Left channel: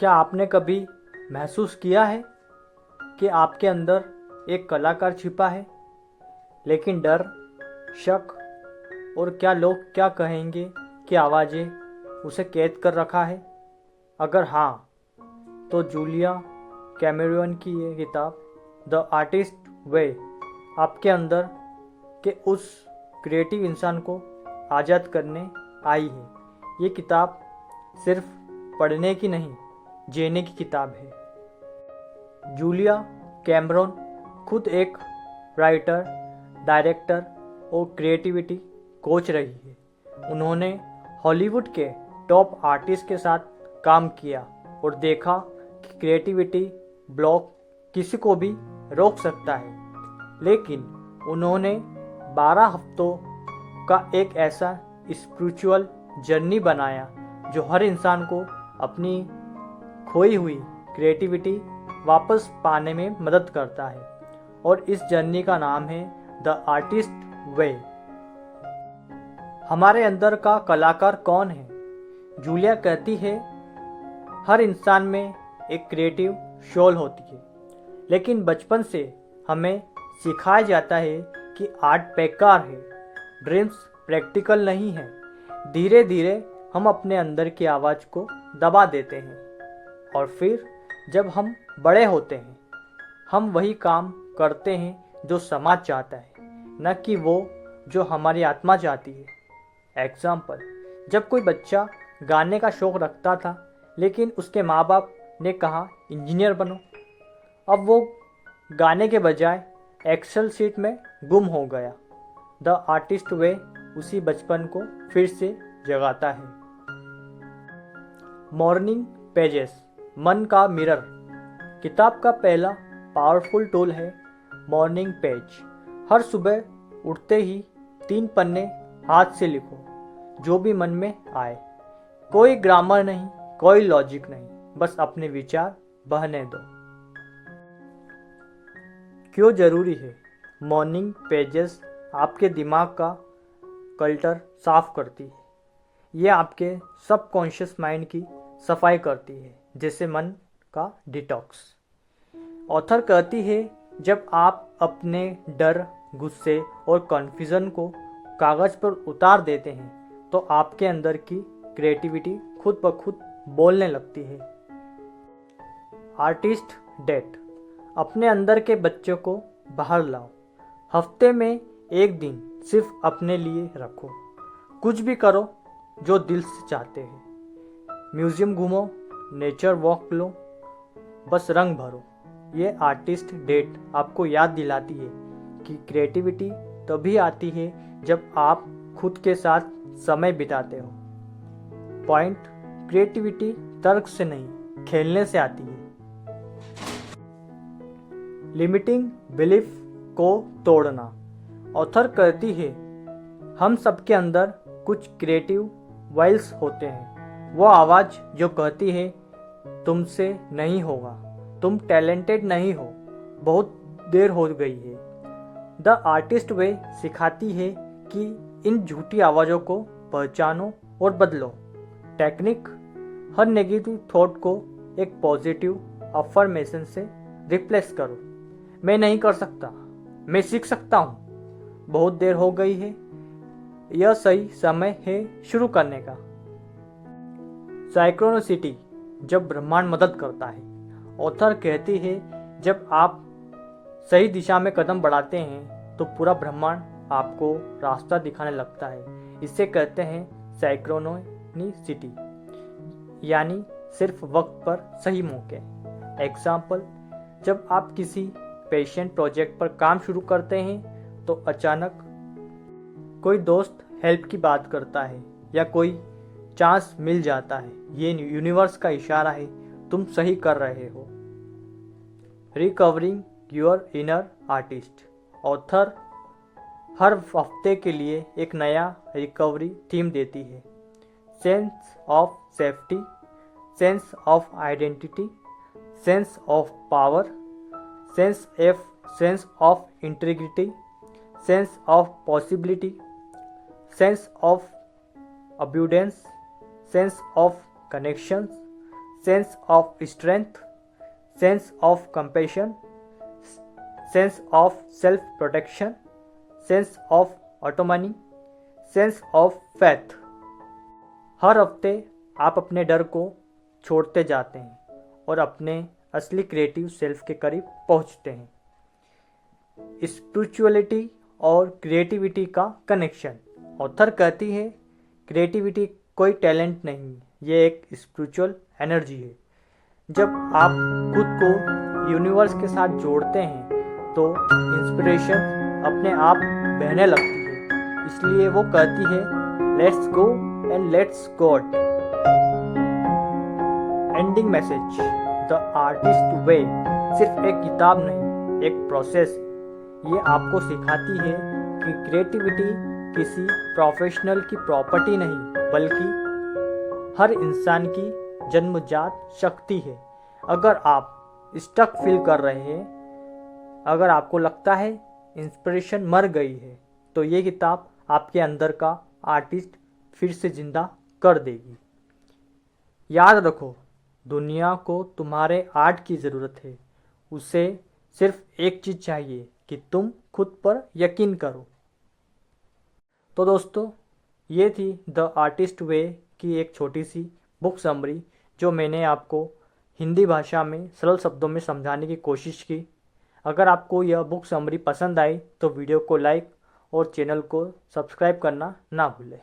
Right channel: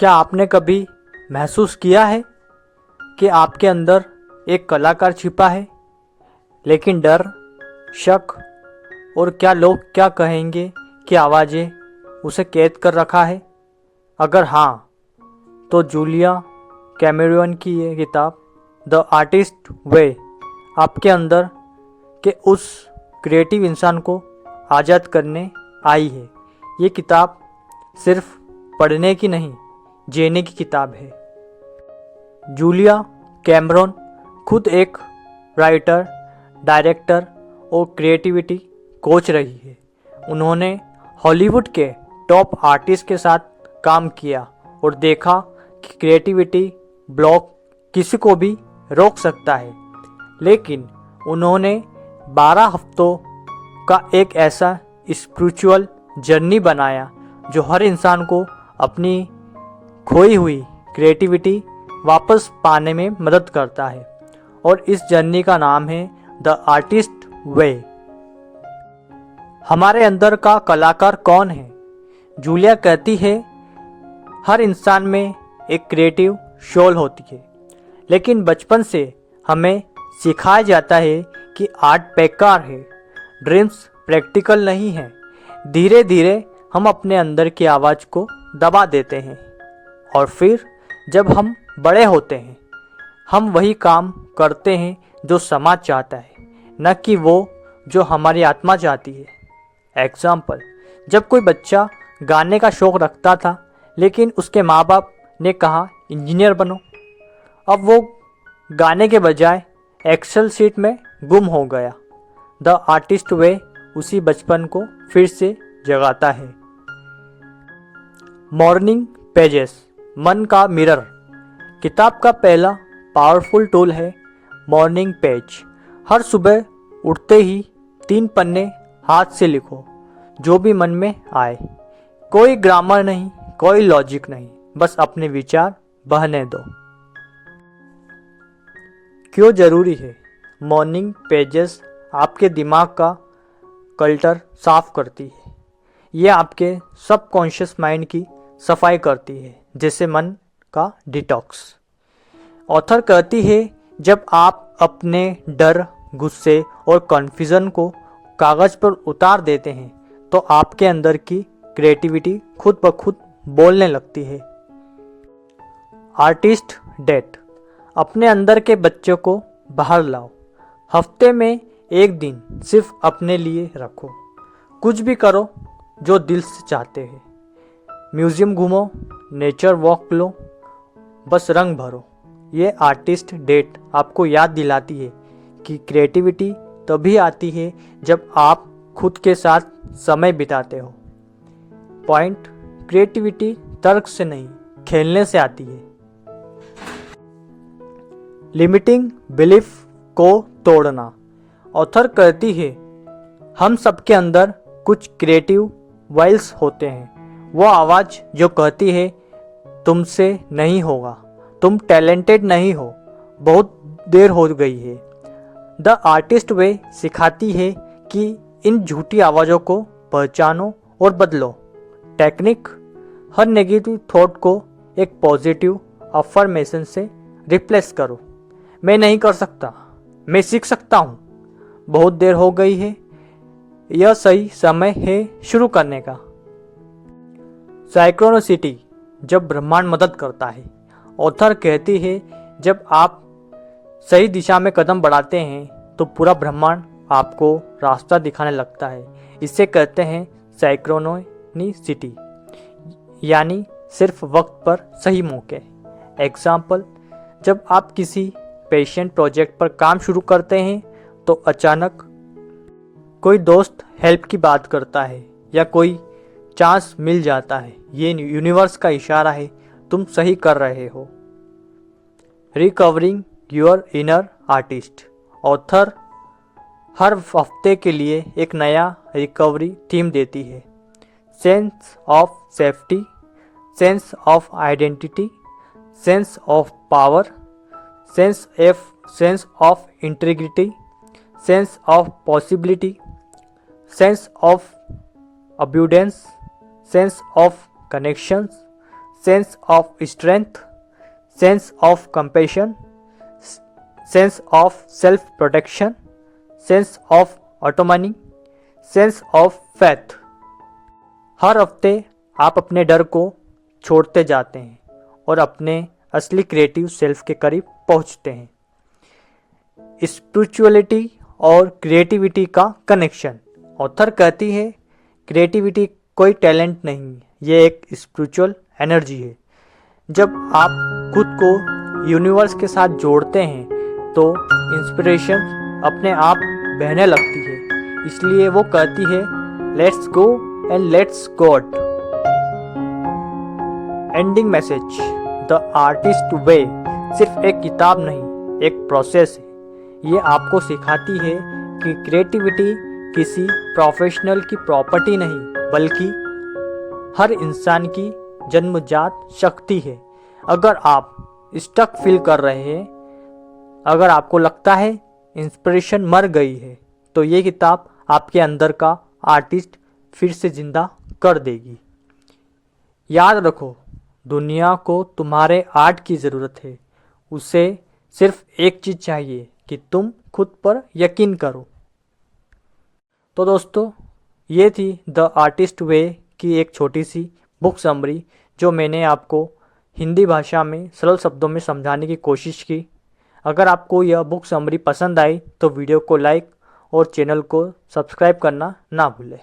क्या आपने कभी महसूस किया है कि आपके अंदर एक कलाकार छिपा है, लेकिन डर, शक और क्या लोग क्या कहेंगे की आवाज़ें उसे कैद कर रखा है? अगर हाँ, तो जूलिया कैमेरॉन की ये किताब द आर्टिस्ट वे आपके अंदर के उस क्रिएटिव इंसान को आज़ाद करने आई है। ये किताब सिर्फ पढ़ने की नहीं, जीने की किताब है। जूलिया कैमरॉन खुद एक राइटर, डायरेक्टर और क्रिएटिविटी कोच रही है। उन्होंने हॉलीवुड के टॉप आर्टिस्ट के साथ काम किया और देखा कि क्रिएटिविटी ब्लॉक किसी को भी रोक सकता है, लेकिन उन्होंने 12 हफ्तों का एक ऐसा स्पिरिचुअल जर्नी बनाया जो हर इंसान को अपनी खोई हुई क्रिएटिविटी वापस पाने में मदद करता है। और इस जर्नी का नाम है द आर्टिस्ट वे। हमारे अंदर का कलाकार कौन है? जूलिया कहती है, हर इंसान में एक क्रिएटिव सोल होती है, लेकिन बचपन से हमें सिखाया जाता है कि आर्ट बेकार है, ड्रीम्स प्रैक्टिकल नहीं है। धीरे धीरे हम अपने अंदर की आवाज़ को दबा देते हैं और फिर जब हम बड़े होते हैं, हम वही काम करते हैं जो समाज चाहता है, न कि वो जो हमारी आत्मा चाहती है। एग्जाम्पल, जब कोई बच्चा गाने का शौक़ रखता था, लेकिन उसके माँ बाप ने कहा इंजीनियर बनो, अब वो गाने के बजाय एक्सेल शीट में गुम हो गया। द आर्टिस्ट वे उसी बचपन को फिर से जगाता है। मॉर्निंग पेजेस, मन का मिरर। किताब का पहला पावरफुल टूल है मॉर्निंग पेज। हर सुबह उठते ही 3 पन्ने हाथ से लिखो, जो भी मन में आए। कोई ग्रामर नहीं, कोई लॉजिक नहीं, बस अपने विचार बहने दो। क्यों ज़रूरी है? मॉर्निंग पेजेस आपके दिमाग का कल्टर साफ करती है। ये आपके सबकॉन्शियस माइंड की सफाई करती है, जैसे मन का डिटॉक्स। ऑथर कहती है, जब आप अपने डर, गुस्से और कन्फ्यूज़न को कागज़ पर उतार देते हैं, तो आपके अंदर की क्रिएटिविटी खुद ब खुद बोलने लगती है। आर्टिस्ट डेट, अपने अंदर के बच्चे को बाहर लाओ। हफ्ते में एक दिन सिर्फ अपने लिए रखो। कुछ भी करो जो दिल से चाहते हैं। म्यूज़ियम घूमो, नेचर वॉक लो, बस रंग भरो। ये आर्टिस्ट डेट आपको याद दिलाती है कि क्रिएटिविटी तभी आती है जब आप खुद के साथ समय बिताते हो। पॉइंट, क्रिएटिविटी तर्क से नहीं, खेलने से आती है। लिमिटिंग बिलीफ को तोड़ना। ऑथर कहती है, हम सबके अंदर कुछ क्रिएटिव वॉइस होते हैं। वो आवाज़ जो कहती है तुमसे नहीं होगा, तुम टैलेंटेड नहीं हो, बहुत देर हो गई है। द आर्टिस्ट वे सिखाती है कि इन झूठी आवाज़ों को पहचानो और बदलो। टेक्निक, हर नेगेटिव थॉट को एक पॉजिटिव अफर्मेशन से रिप्लेस करो। मैं नहीं कर सकता, मैं सीख सकता हूँ, बहुत देर हो गई है, यह सही समय है शुरू करने का। साइक्रोनिसिटी, जब ब्रह्मांड मदद करता है। ऑथर कहती है, जब आप सही दिशा में कदम बढ़ाते हैं तो पूरा ब्रह्मांड आपको रास्ता दिखाने लगता है। इसे कहते हैं साइक्रोनिसिटी, यानी सिर्फ वक्त पर सही मौके। एग्जाम्पल, जब आप किसी पेशेंट प्रोजेक्ट पर काम शुरू करते हैं तो अचानक कोई दोस्त हेल्प की बात करता है या कोई चांस मिल जाता है। ये यूनिवर्स का इशारा है, तुम सही कर रहे हो। Recovering your inner artist. Author हर हफ्ते के लिए एक नया रिकवरी थीम देती है। Sense of safety, sense of identity, sense of power, sense of integrity, sense of possibility, sense of abundance, sense of connections, sense of strength, sense of compassion, sense of self protection, sense of autonomy, sense of faith. हर हफ्ते आप अपने डर को छोड़ते जाते हैं और अपने असली क्रिएटिव सेल्फ के करीब पहुंचते हैं। स्पिरिचुअलिटी और क्रिएटिविटी का कनेक्शन। ऑथर कहती है क्रिएटिविटी कोई टैलेंट नहीं, ये एक स्पिरिचुअल एनर्जी है। जब आप खुद को यूनिवर्स के साथ जोड़ते हैं तो इंस्पिरेशन अपने आप बहने लगती है। इसलिए वो कहती है let's go and let's God. Ending message, the artist way सिर्फ एक किताब नहीं, एक प्रोसेस है। ये आपको सिखाती है कि क्रिएटिविटी किसी प्रोफेशनल की प्रॉपर्टी नहीं बल्कि हर इंसान की जन्मजात शक्ति है। अगर आप स्टक फील कर रहे हैं, अगर आपको लगता है इंस्पिरेशन मर गई है, तो ये किताब आपके अंदर का आर्टिस्ट फिर से जिंदा कर देगी। याद रखो, दुनिया को तुम्हारे आर्ट की ज़रूरत है। उसे सिर्फ एक चीज़ चाहिए कि तुम खुद पर यकीन करो। तो दोस्तों, ये थी द आर्टिस्ट वे की एक छोटी सी बुक समरी जो मैंने आपको हिंदी भाषा में सरल शब्दों में समझाने की कोशिश की। अगर आपको यह बुक समरी पसंद आई तो वीडियो को लाइक और चैनल को सब्सक्राइब करना ना भूलें।